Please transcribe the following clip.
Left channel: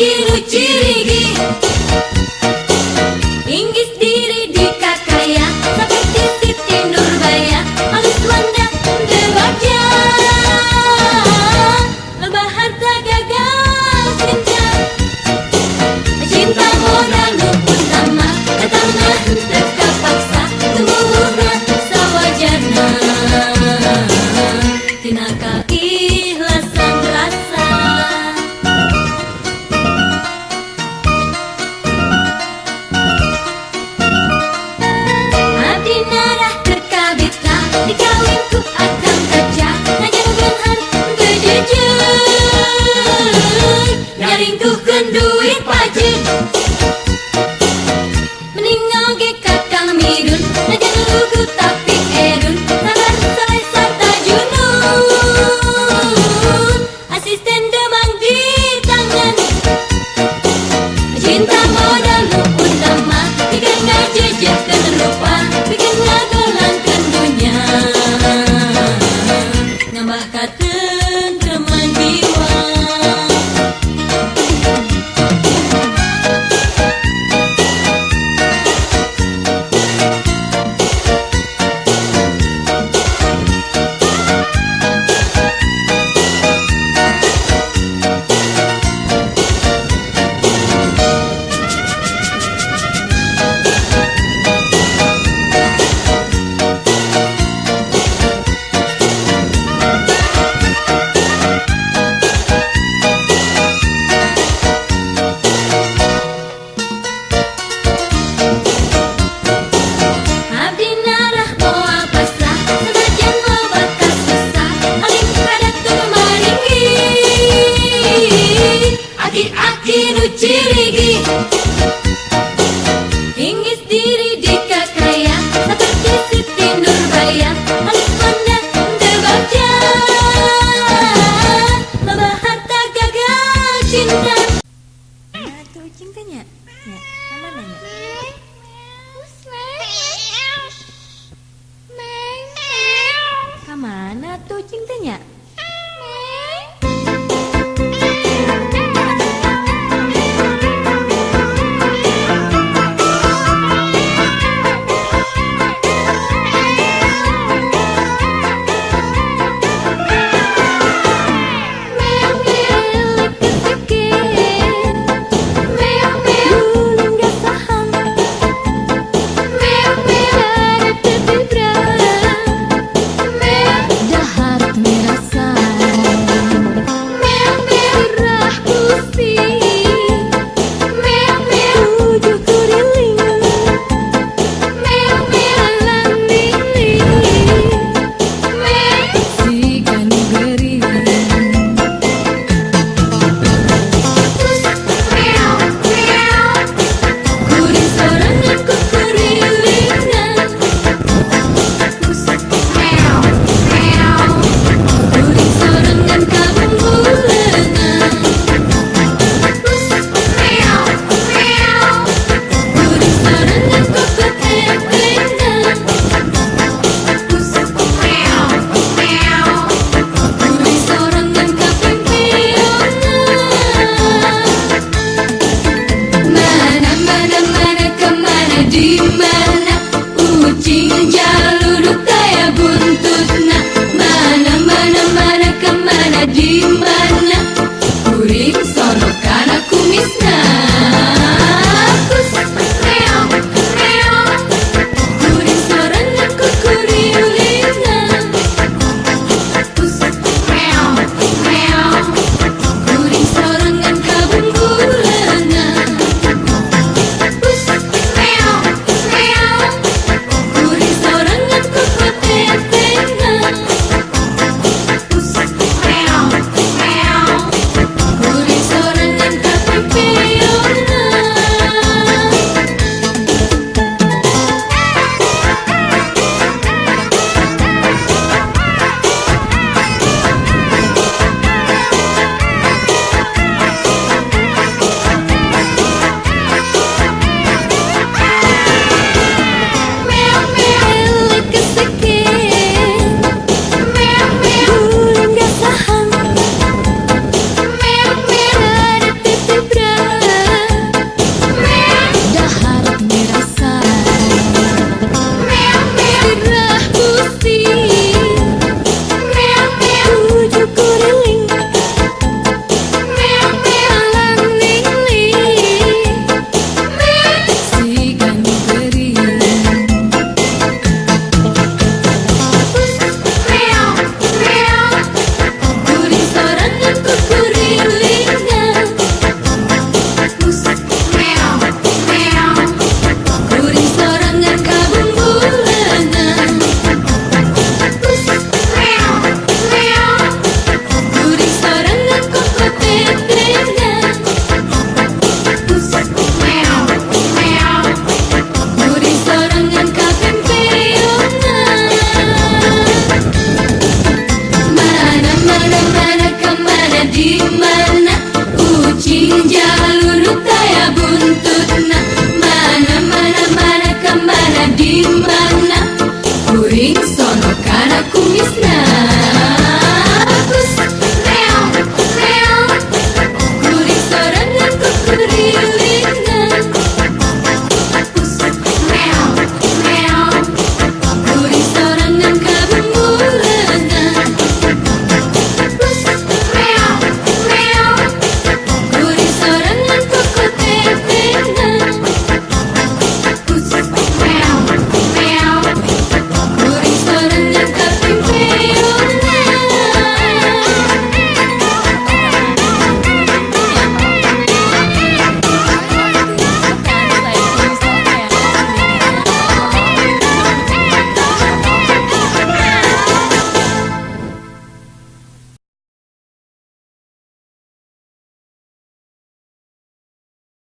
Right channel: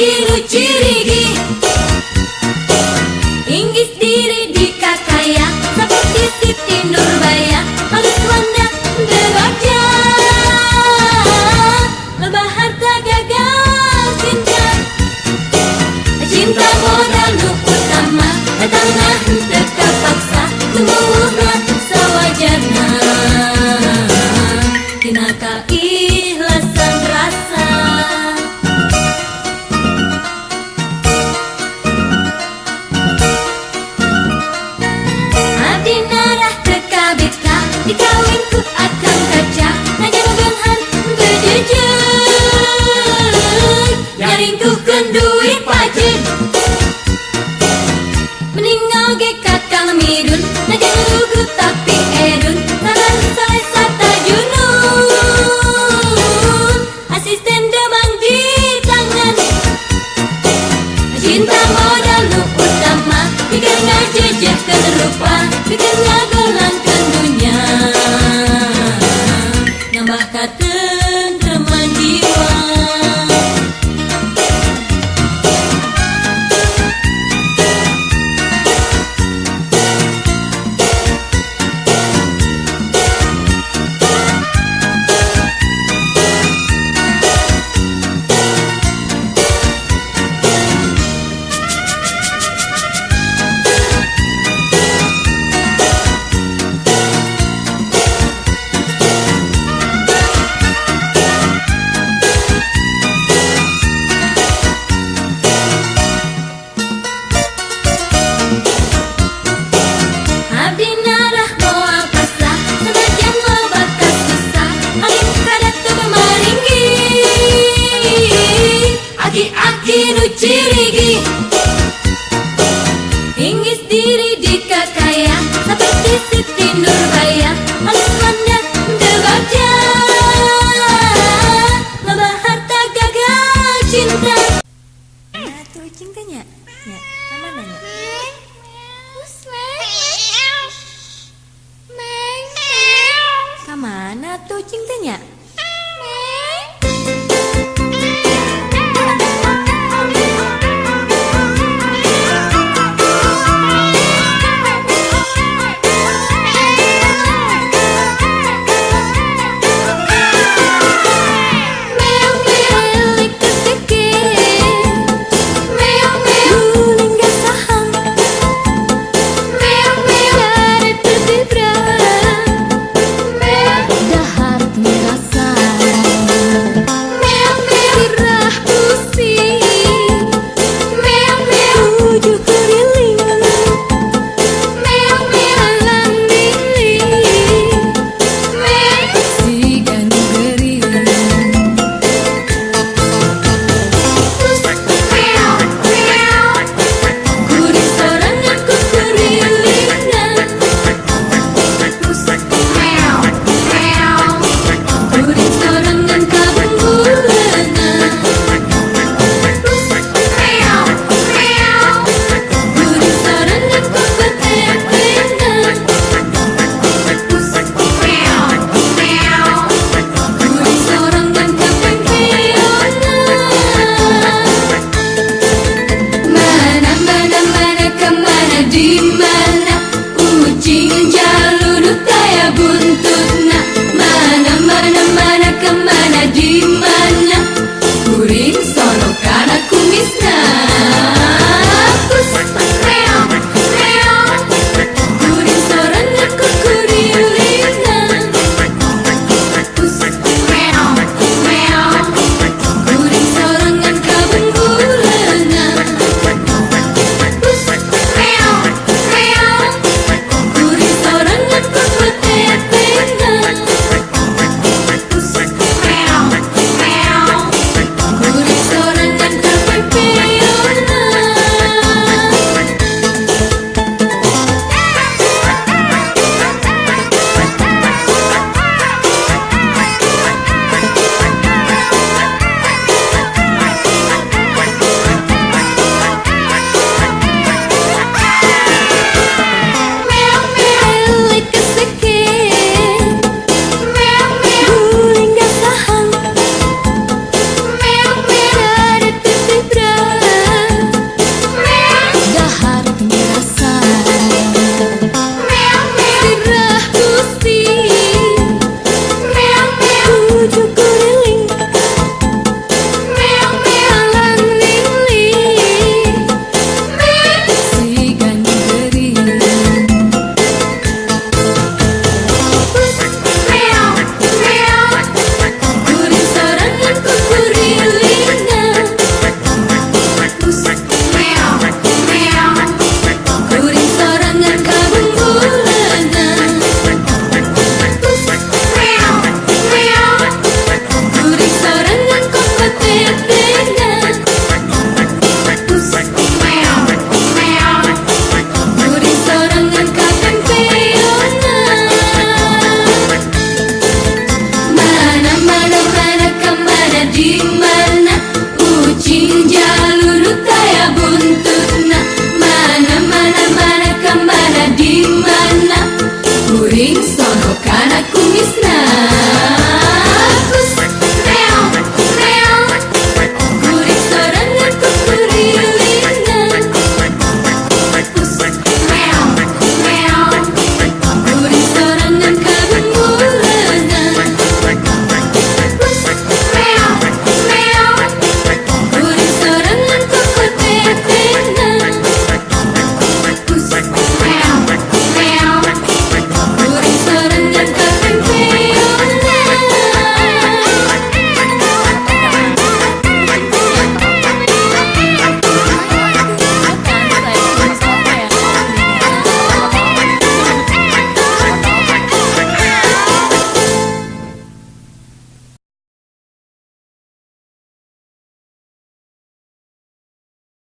Kinu cirigi Inggis diri di kakaya seperti Siti Nurbaya halus wanda dewaja lebah harta gagal cinta cinta modal utama datanglah tetap paksa tumbuhlah sawajana tinaka ikhlasan rasa dikawinku akan baca najar benhar bejejeng naringkuhkeun duit pajin meninggal ge kakang midun najar rugu tapi edun sadar saya sarta junun asisten demang di tangan cinta modal lu utama tiga ngajejahkeun rupa bikin ngagelankeun dunya nambah katentreman jiwa. Aki nu cirigi Inggis diri di kakaya seperti Siti Nurbaya halus wanda dewaja lebah harta gagal cinta. Tuh cintanya ya mana ya kamana tuh cintanya. Guling gak saham Isna.